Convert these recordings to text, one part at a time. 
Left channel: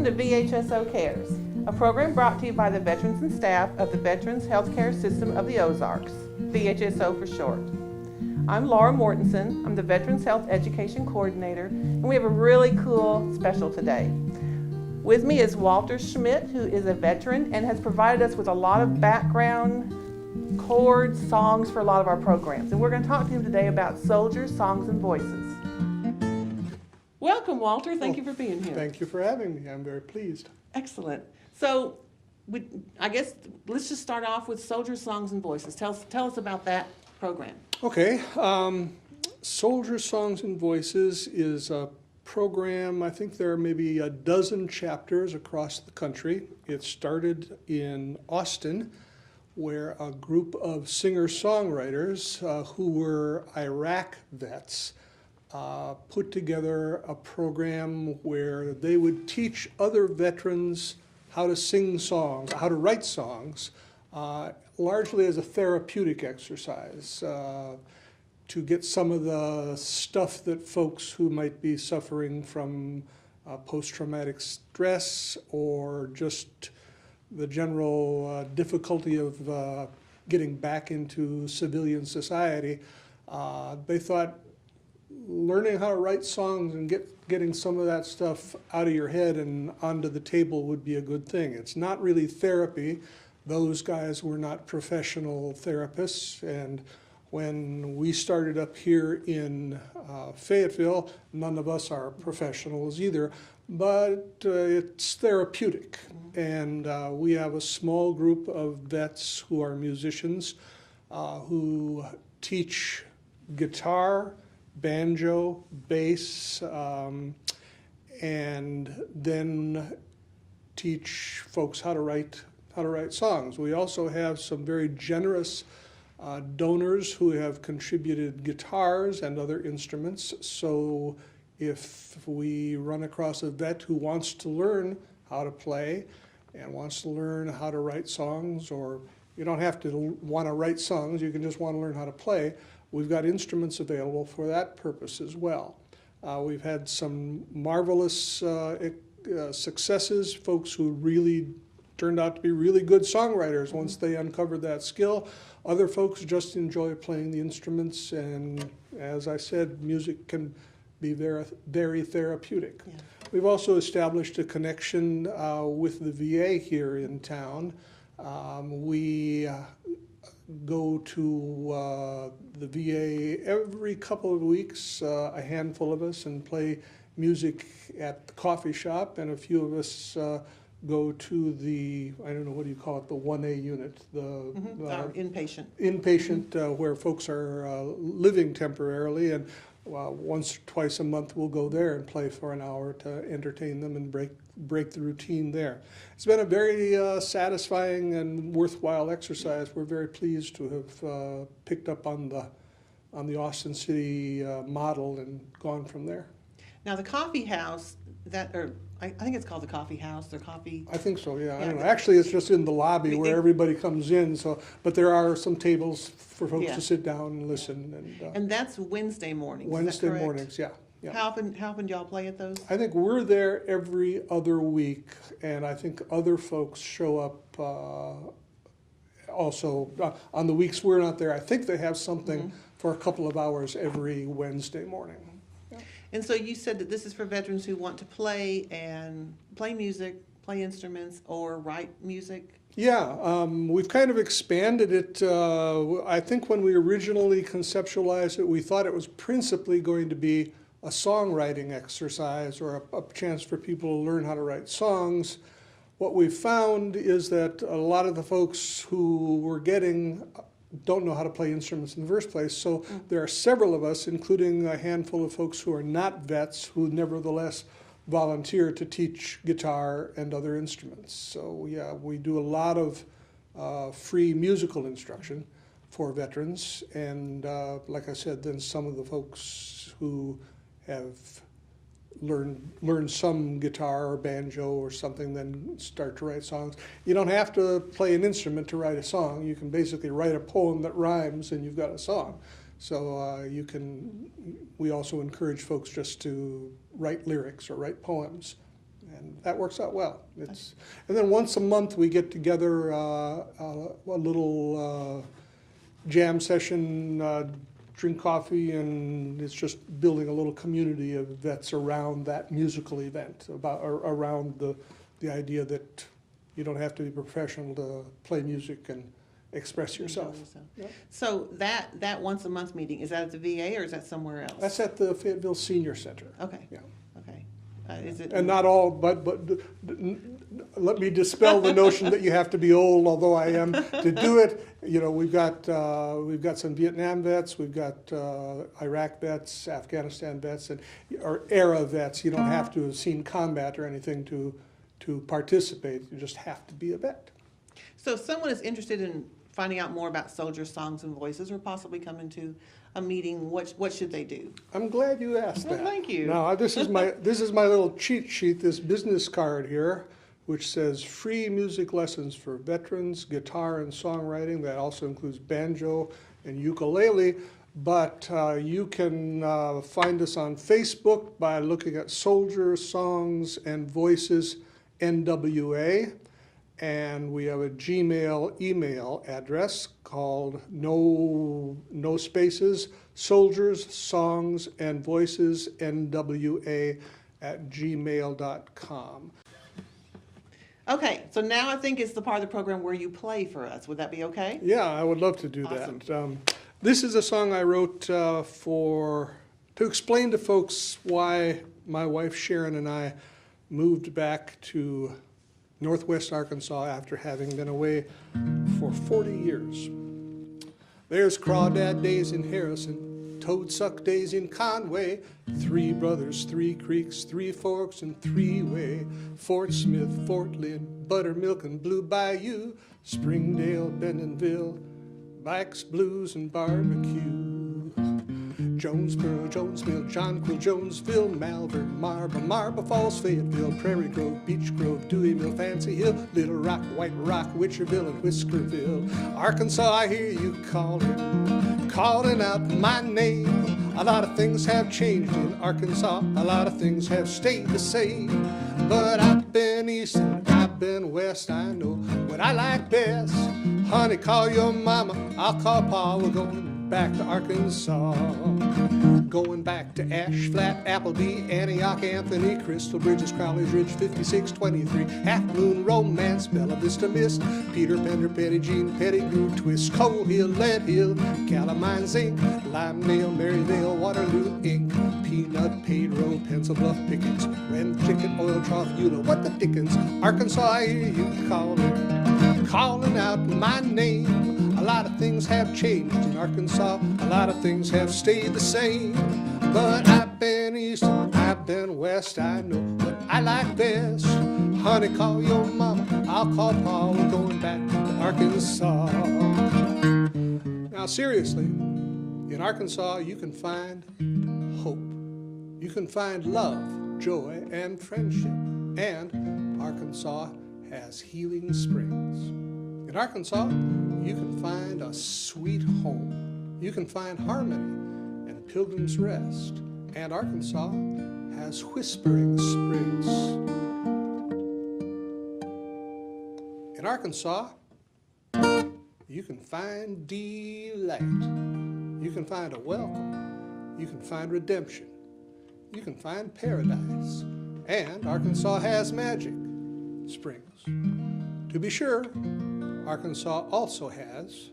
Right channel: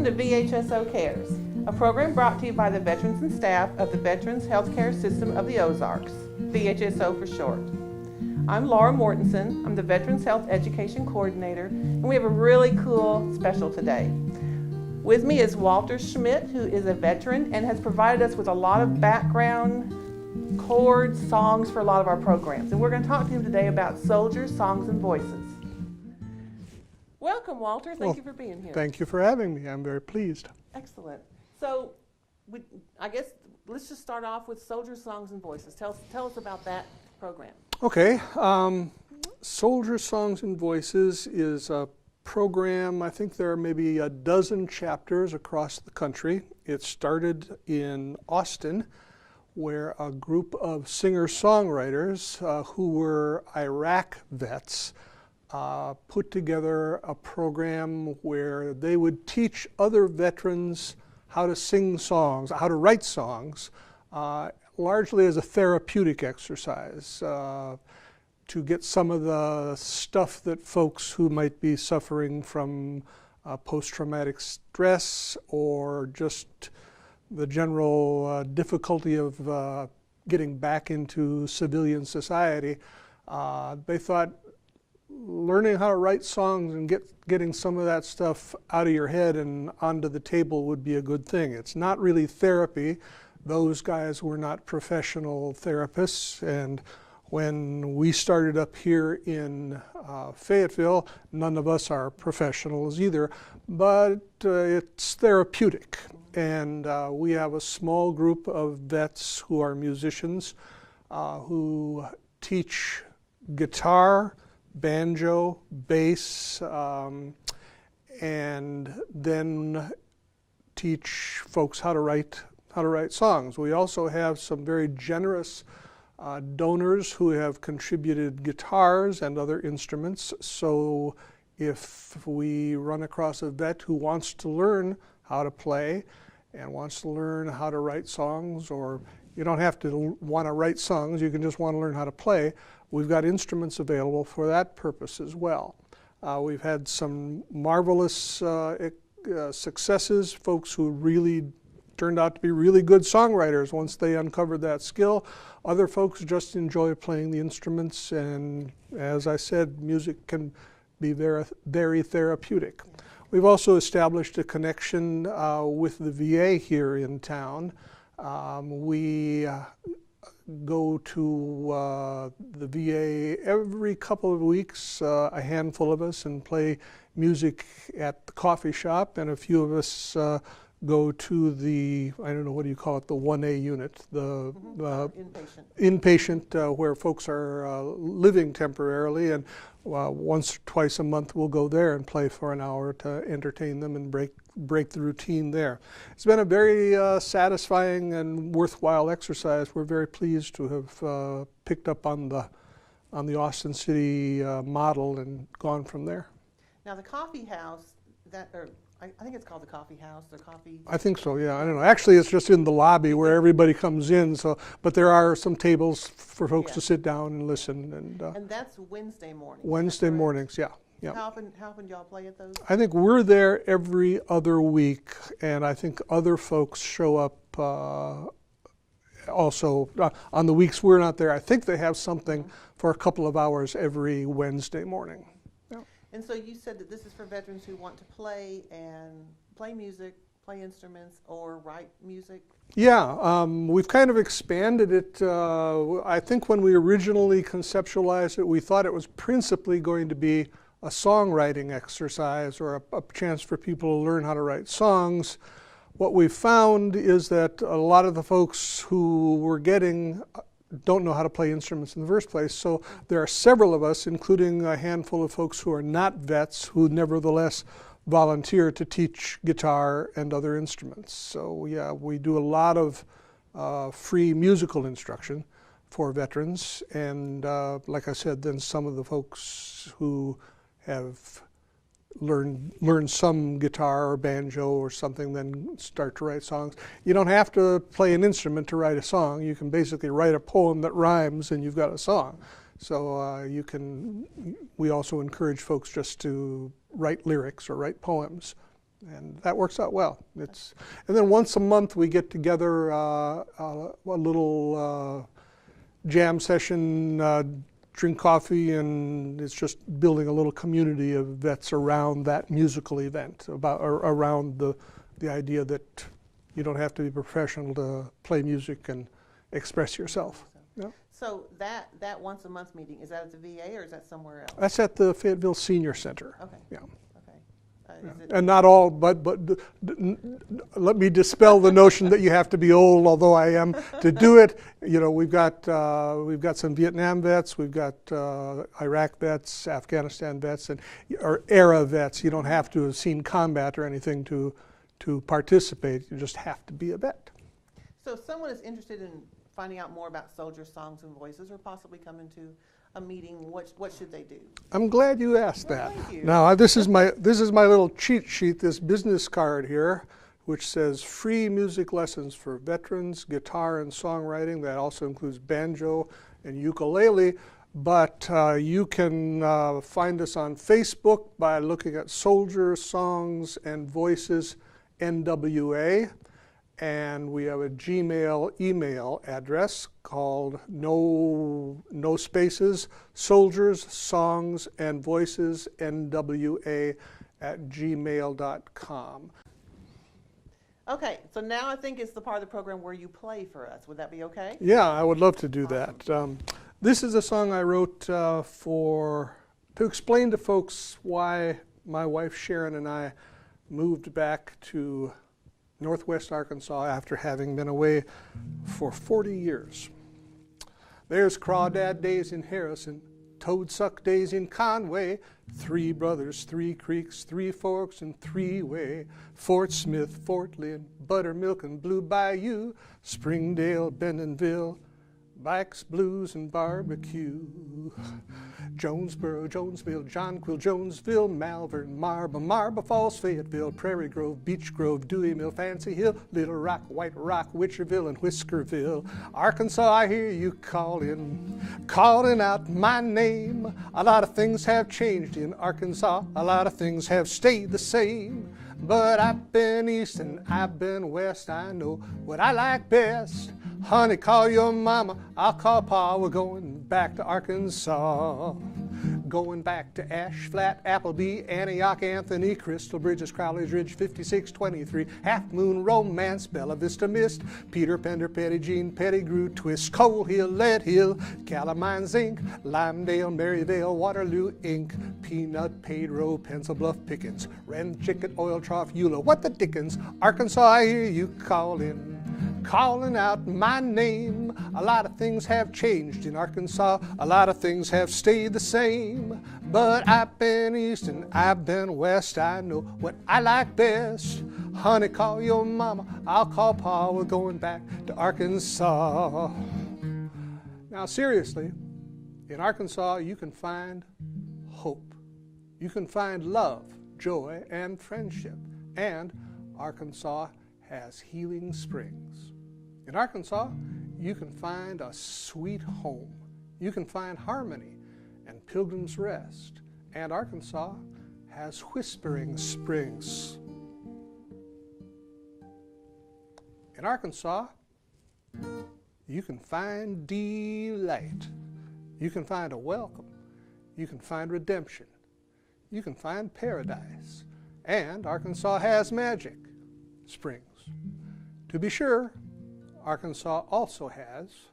Welcome to VHSO Cares, a program brought to you by the veterans and staff of the Veterans Healthcare System of the Ozarks, VHSO for short. I'm Laura Mortensen. I'm the Veterans Health Education Coordinator, and we have a really cool special today. With me is Walter Schmidt, who is a veteran and has provided us with a lot of background chords, songs for a lot of our programs. And we're going to talk to him today about soldiers, songs, and voices. Welcome, Walter. Thank you for being here. Thank you for having me. I'm very pleased. Excellent. So, I guess let's just start off with Soldiers, Songs, and Voices. Tell us about that program. Okay. Soldiers, Songs, and Voices is a program. I think there are maybe a dozen chapters across the country. It started in Austin, where a group of singer-songwriters who were Iraq vets put together a program where they would teach other veterans how to sing songs, how to write songs, largely as a therapeutic exercise to get some of the stuff that folks who might be suffering from post-traumatic stress or just the general difficulty of getting back into civilian society. They thought learning how to write songs and getting some of that stuff out of your head and onto the table would be a good thing. It's not really therapy. Those guys were not professional therapists, and when we started up here in Fayetteville, none of us are professionals either, but it's therapeutic. And we have a small group of vets who are musicians who teach guitar, banjo, bass, and then teach folks how to write songs. We also have some very generous donors who have contributed guitars and other instruments. So if we run across a vet who wants to learn how to play and wants to learn how to write songs, or you don't have to want to write songs, you can just want to learn how to play, we've got instruments available for that purpose as well. We've had some marvelous successes, folks who really turned out to be really good songwriters once they uncovered that skill. Other folks just enjoy playing the instruments, and as I said, music can be very, very therapeutic. Yeah. We've also established a connection with the VA here in town. We go to the VA every couple of weeks, a handful of us, and play music at the coffee shop, and a few of us go to the, I don't know, what do you call it, the 1A unit, the inpatient. Inpatient, where folks are living temporarily, and once or twice a month we'll go there and play for an hour to entertain them and break the routine there. It's been a very satisfying and worthwhile exercise. We're very pleased to have picked up on the Austin City model and gone from there. Now the coffee house, I think it's called the coffee house, the coffee. I think so, yeah. I don't know. Actually, it's just in the lobby where everybody comes in. So, but there are some tables for folks to sit down and listen. And that's Wednesday mornings. Wednesday mornings, yeah. Yeah. How often do y'all play at those? I think we're there every other week, and I think other folks show up also on the weeks we're not there. I think they have something for a couple of hours every Wednesday morning. Yep. And so you said that this is for veterans who want to play music, play instruments, or write music? Yeah, we've kind of expanded it. I think when we originally conceptualized it, we thought it was principally going to be a songwriting exercise or a chance for people to learn how to write songs. What we've found is that a lot of the folks who we're getting don't know how to play instruments in the first place. So there are several of us, including a handful of folks who are not vets, who nevertheless volunteer to teach guitar and other instruments. So yeah, we do a lot of free musical instruction for veterans. And like I said, then some of the folks who have learn some guitar or banjo or something, then start to write songs. You don't have to play an instrument to write a song. You can basically write a poem that rhymes and you've got a song. So we also encourage folks just to write lyrics or write poems. And that works out well. And then once a month we get together, a little jam session, drink coffee, and it's just building a little community of vets around that musical event, around the idea that you don't have to be professional to play music and express yourself. Yeah. So that once a month meeting, is that at the VA or is that somewhere else? That's at the Fayetteville Senior Center. Okay. Yeah. Okay. Is it? And not all, but let me dispel the notion that you have to be old, although I am, to do it. You know, we've got some Vietnam vets, we've got Iraq vets, Afghanistan vets, or era vets. You don't have to have seen combat or anything to participate. You just have to be a vet. So if someone is interested in finding out more about soldiers' songs and voices, or possibly coming to a meeting, what should they do? I'm glad you asked that. Thank you. Now this is my little cheat sheet, this business card here, which says free music lessons for veterans, guitar and songwriting. That also includes banjo and ukulele. But you can find us on Facebook by looking at Soldier Songs and Voices NWA. And we have a Gmail email address called no spaces, Soldiers, Songs, and Voices, NWA @gmail.com. Okay, so now I think it's the part of the program where you play for us. Would that be okay? Yeah, I would love to do Awesome. that. This is a song I wrote to explain to folks why my wife Sharon and I moved back to Northwest Arkansas after having been away for 40 years. There's Crawdad days in Harrison, Toadsuck days in Conway, 3 brothers, 3 creeks, 3 forks, and 3-way, Fort Smith, Fort Lynn, Buttermilk and Blue Bayou, Springdale, Bentonville, Bikes, Blues, and Barbecue. Jonesboro, Jonesville, Jonquil, Jonesville, Malvern, Marble Falls, Fayetteville, Prairie Grove, Beech Grove, Deweyville, Fancy Hill, Little Rock, White Rock, Witcherville, and Whiskerville. Arkansas, I hear you calling out my name. A lot of things have changed in Arkansas, a lot of things have stayed the same. But I've been east and I've been west, I know what I like best. Honey, call your mama, I'll call pa, we're going back to Arkansas. Going back to Ash Flat, Appleby, Antioch, Anthony, Crystal Bridges, Crowley's Ridge, 5623, Half Moon, Romance, Bella Vista Mist, Peter Pender, Petty Jean, Pettigrew, Twist, Coal Hill, Lead Hill, Calamine Zinc, Lime Nail, Maryvale, Waterloo, Ink, Peanut, Pedro, Pencil Bluff, Pickens, Ren Chicken, Oil Trough, Eula, what the dickens? Arkansas, I hear you calling out my name. A lot of things have changed in Arkansas, a lot of things have stayed the same. But I've been east and I've been west, I know what I like best. Honey, call your mama, I'll call pa, we're going back to Arkansas. Now seriously, in Arkansas you can find hope. You can find love, joy, and friendship. And Arkansas has healing springs. In Arkansas, you can find a sweet home. You can find harmony and Pilgrim's Rest. And Arkansas has whispering springs. In Arkansas, you can find delight. You can find a welcome. You can find redemption. You can find paradise. And Arkansas has magic springs. To be sure, Arkansas also has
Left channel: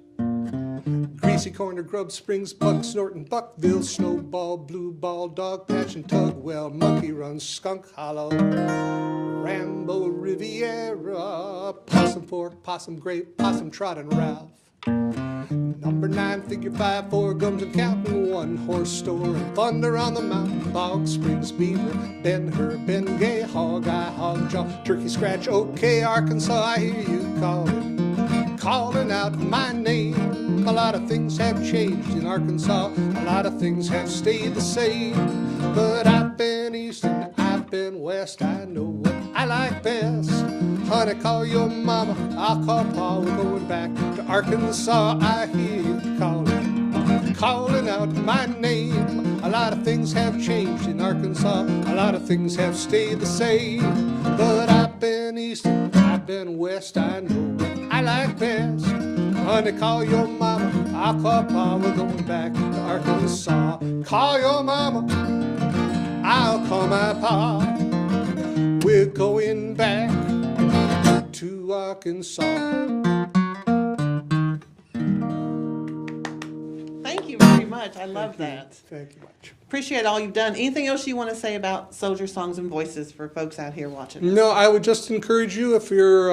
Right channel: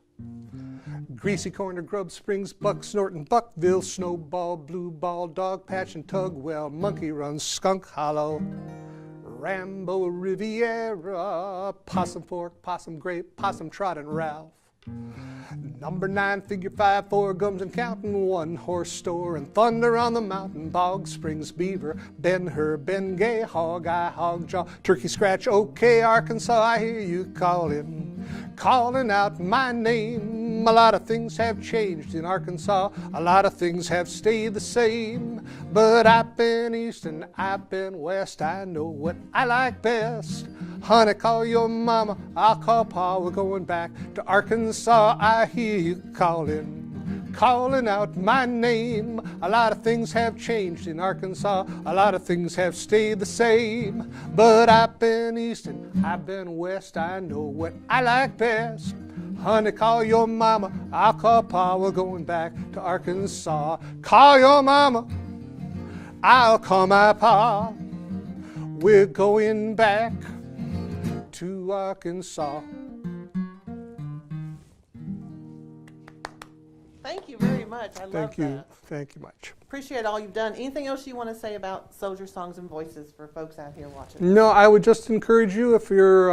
Greasy Corner, Grub Springs, Buck Snorton, Buckville, Snowball, Blue Ball, Dog Patch, and Tugwell, Monkey Run, Skunk Hollow, Rambo, Riviera, Possum Fork, Possum Grape, Possum Trot, and Ralph. Number 9, Figure 5, 4 Gums and Counting, One Horse Store, and Thunder on the Mountain, Bog Springs, Beaver, Ben Hur, Ben Gay, Hog Eye, Hog Jaw, Turkey Scratch, okay, Arkansas, I hear you calling out my name. A lot of things have changed in Arkansas, a lot of things have stayed the same. But I've been east and I've been west, I know what I like best. Honey, call your mama, I'll call pa, we're going back to Arkansas. I hear you calling calling out my name. A lot of things have changed in Arkansas, a lot of things have stayed the same. But I've been east and I've been west, I know what I like best. Honey, call your mama, I'll call pa, we're going back to Arkansas. Call your mama, I'll call my pa, we're going back to Arkansas. Thank you very much. I love that. Thank you much. Appreciate all you've done. Anything else you want to say about Soldier Songs and Voices for folks out here watching? No, I would just encourage you, if you're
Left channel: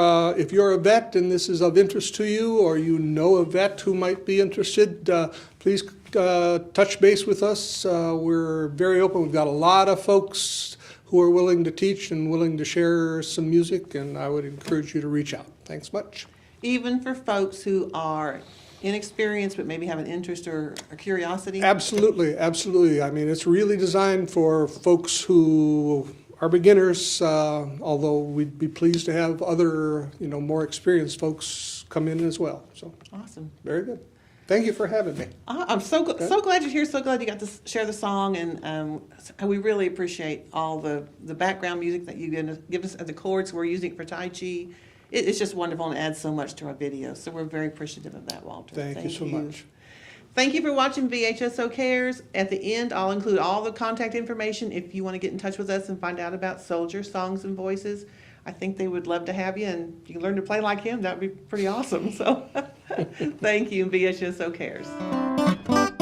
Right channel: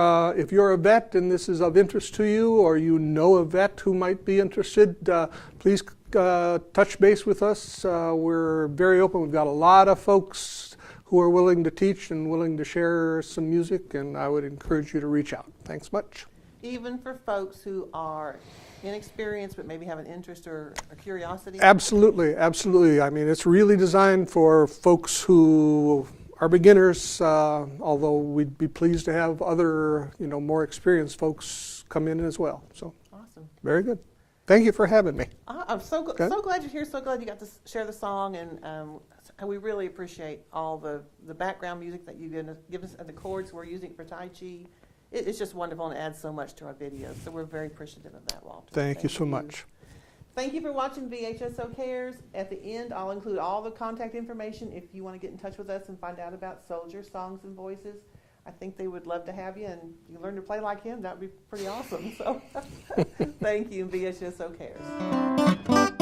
a vet and this is of interest to you, or you know a vet who might be interested, please touch base with us. We're very open. We've got a lot of folks who are willing to teach and willing to share some music, and I would encourage you to reach out. Thanks much. Even for folks who are inexperienced but maybe have an interest or a curiosity? Absolutely, absolutely. I mean, it's really designed for folks who are beginners, although we'd be pleased to have other, more experienced folks come in as well. So, awesome. Very good. Thank you for having me. I'm so glad you're here. So glad you got to share the song, and we really appreciate all the background music that you give us, the chords we're using for Tai Chi. It's just wonderful and adds so much to our videos. So we're very appreciative of that, Walter. Thank you so much. Thank you for watching VHSO Cares. At the end, I'll include all the contact information if you want to get in touch with us and find out about Soldier Songs and Voices. I think they would love to have you, and if you can learn to play like him, that would be pretty awesome. So thank you, VHSO Cares.